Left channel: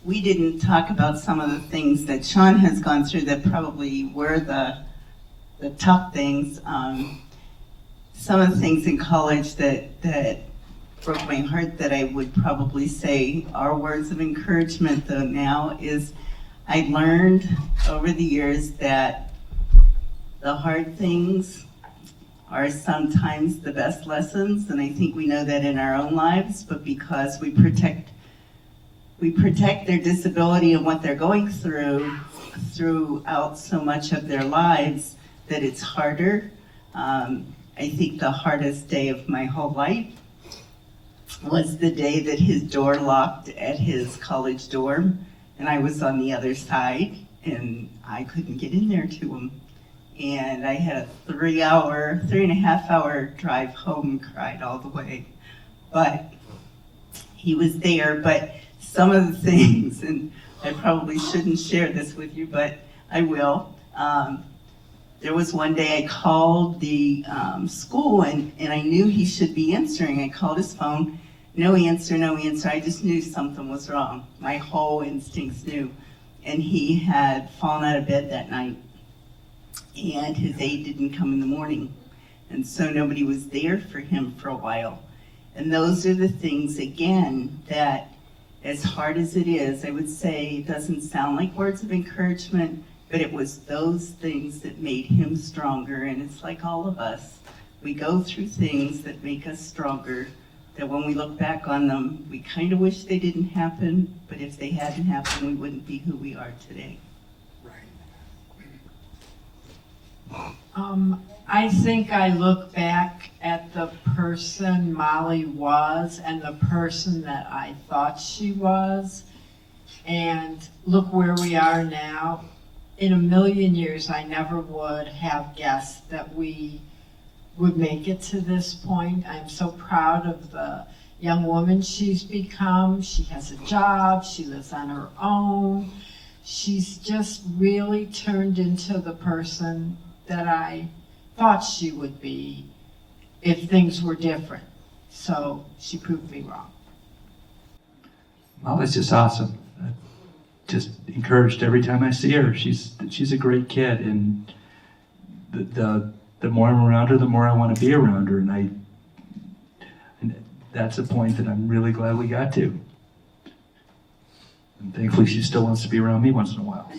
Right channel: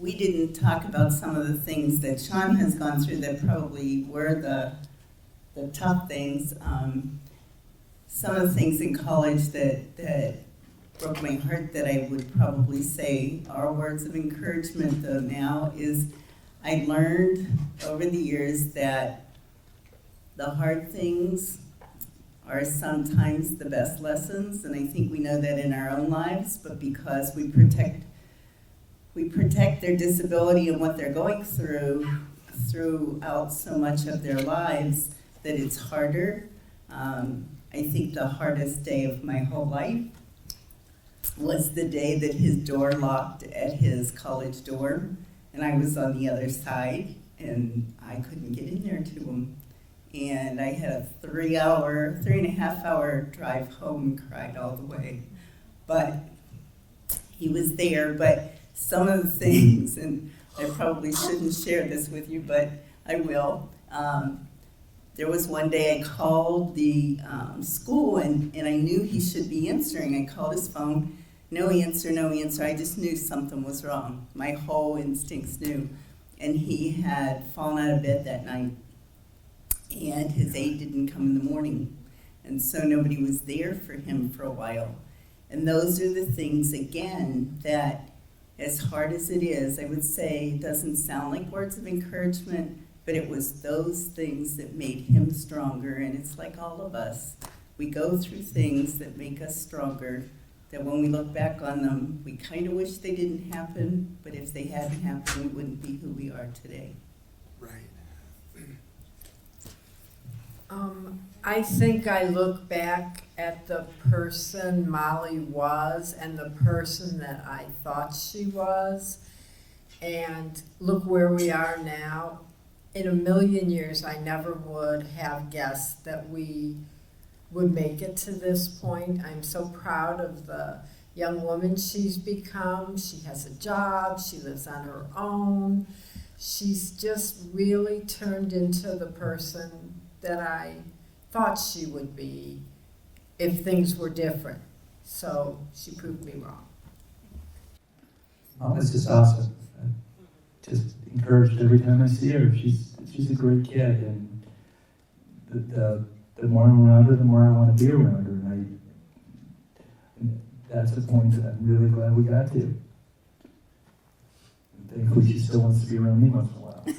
we didn't talk about some of the things that Sean has gone through that probably were the tough things. Some of the things in college that broke my heart that I would probably say are words of encouragement though now is I learned over the years that the hard things are sometimes the best lessons, and I think we know that in our own lives, but because we protect their disability and what they're going throughout so much of their lives that it's harder. I think the hardest day of my whole life was the day that his door locked at his college dorm, and I was on the other side, and I couldn't get in there to him. And I had a 3.5 hour drive home, cried all the way. But he was there, but some of the things, and I probably shouldn't share this with you, but I will. There was one day I called the school, and I knew he should be answering. I called his phone, no answer, no answer. I just knew something was wrong. My whole instincts knew. And he had fallen out of bed that night, and his aide didn't come in the morning. And so nobody was there for him for a while. And those are the things, again, that as hard as it is, I would say it doesn't sound like words of encouragement, but it was those things that made him stronger. And it's like all of us. We go through things that make us stronger, that when we look back on them, we kind of wish they didn't happen, but if they hadn't happened, we wouldn't be who we are today. I think I look back at the person Molly was and the person that I thought she was, and look where we are now. In a million years, I never would have guessed that we would make it to this point. I'm so proud of the young woman she's become. She has a job, she lives on her own. She's just really turned into the person that I thought she would be if things were different. So she proved me wrong. Molly's just awesome. Just encouraged every time I see her. She's a great kid, and the more I'm around her, the more I want to be around her, and that's a point that I'm really glad we got to. And thankfully, she still wants to be around me once in a while. So.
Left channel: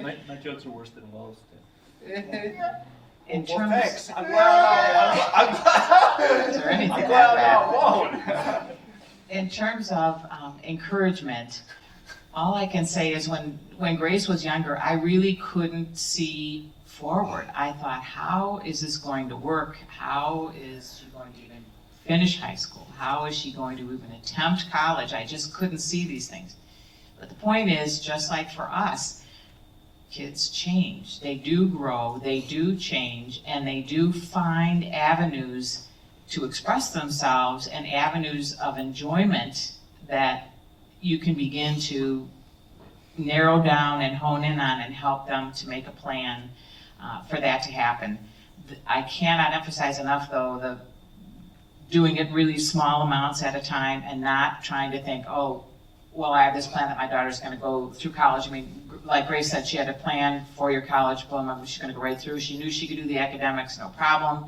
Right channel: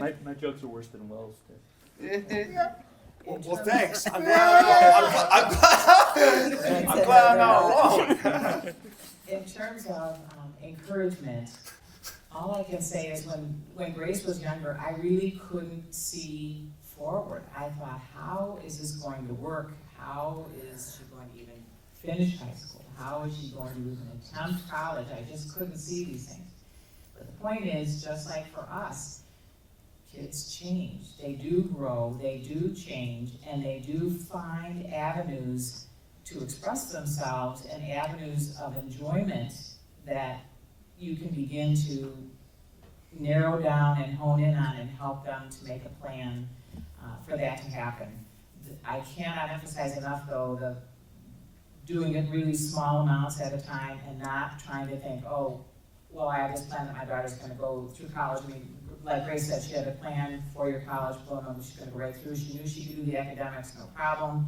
My jokes are worse than Will's. Well, thanks. I'm glad I'm not wrong. In terms of encouragement, all I can say is when Grace was younger, I really couldn't see forward. I thought, how is this going to work? How is she going to even finish high school? How is she going to even attempt college? I just couldn't see these things. But the point is, just like for us, kids change. They do grow, they do change, and they do find avenues to express themselves and avenues of enjoyment that you can begin to narrow down and hone in on and help them to make a plan for that to happen. I cannot emphasize enough, though, the doing it really small amounts at a time and not trying to think, oh, well, I have this plan that my daughter's going to go through college. I mean, like Grace said, she had a plan for your college diploma. She's going to go right through. She knew she could do the academics, no problem.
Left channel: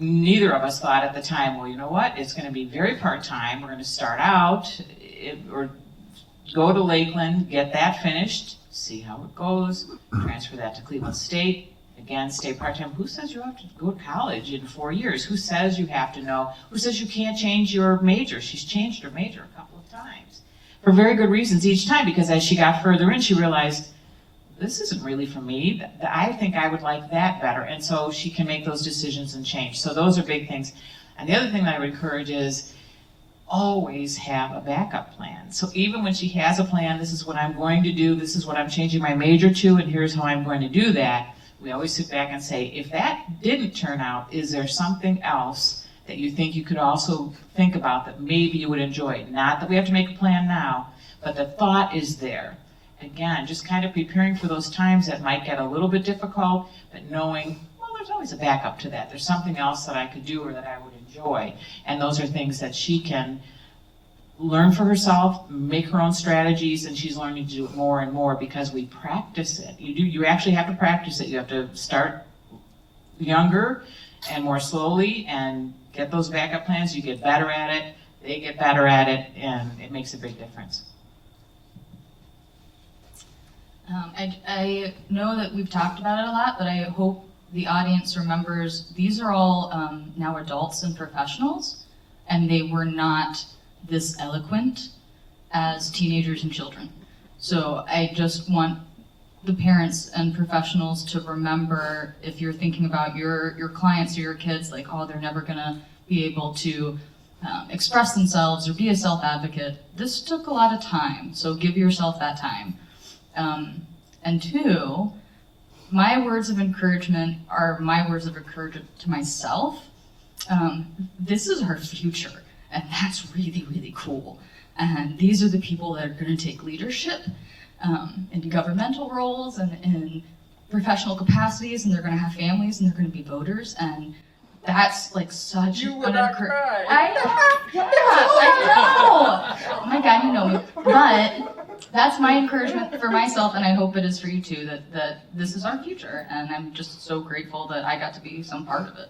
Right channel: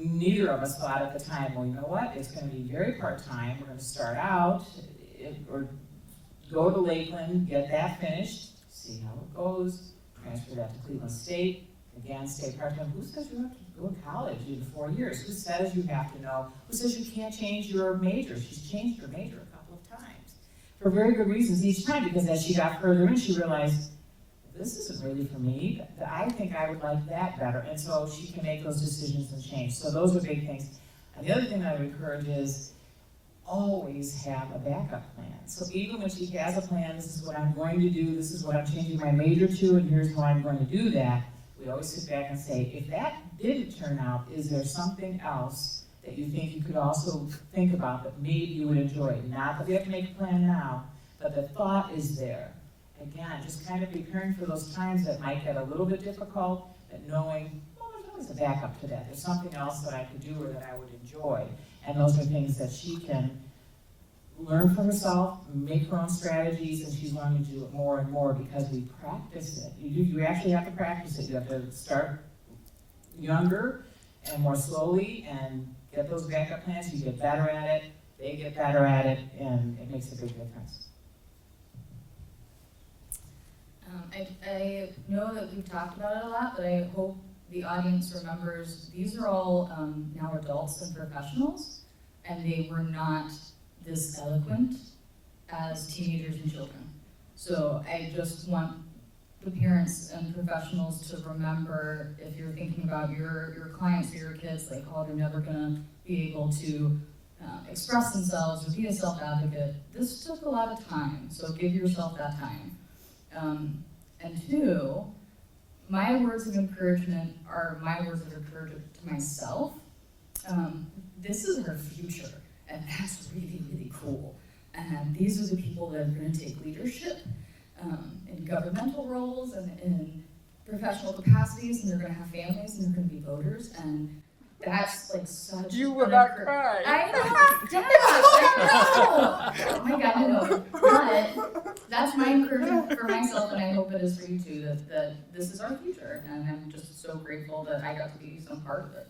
Neither of us thought at the time, well, you know what? It's going to be very part-time. We're going to start out or go to Lakeland, get that finished, see how it goes, transfer that to Cleveland State. Again, stay part-time. Who says you have to go to college in 4 years? Who says you have to know? Who says you can't change your major? She's changed her major a couple of times for very good reasons each time, because as she got further in, she realized, this isn't really for me. I think I would like that better. And so she can make those decisions and change. So those are big things. And the other thing that I would encourage is always have a backup plan. So even when she has a plan, this is what I'm going to do, this is what I'm changing my major to, and here's how I'm going to do that, we always sit back and say, if that didn't turn out, is there something else that you think you could also think about that maybe you would enjoy? Not that we have to make a plan now, but the thought is there. Again, just kind of preparing for those times that might get a little bit difficult, but knowing, well, there's always a backup to that. There's something else that I could do or that I would enjoy. And those are things that she can learn for herself, make her own strategies, and she's learning to do it more and more because we practice it. You actually have to practice it. You have to start younger and more slowly and get those backup plans. You get better at it, they get better at it, and it makes a big difference. I know that we've talked about it a lot, but I hope the audience remembers these are all now adults and professionals, and they were not this eloquent as teenagers and children. So I just want the parents and professionals to remember, if you're thinking about your clients or your kids, like, oh, they're never gonna be able to express themselves or be a self-advocate. This took a lot of time, so give yourself that time. And two, my words of encouragement are my words of encouragement to myself. This is our future, and that's really, really cool. And these are the people that are going to take leadership in governmental roles and in professional capacities, and they're going to have families, and they're going to be voters, and that's like such You an would not encouragement. cry. I know. Oh my God, you know. But that's my encouragement for myself, and I hope it is for you too, that this is our future, and I'm just so grateful that I got to be some part of it.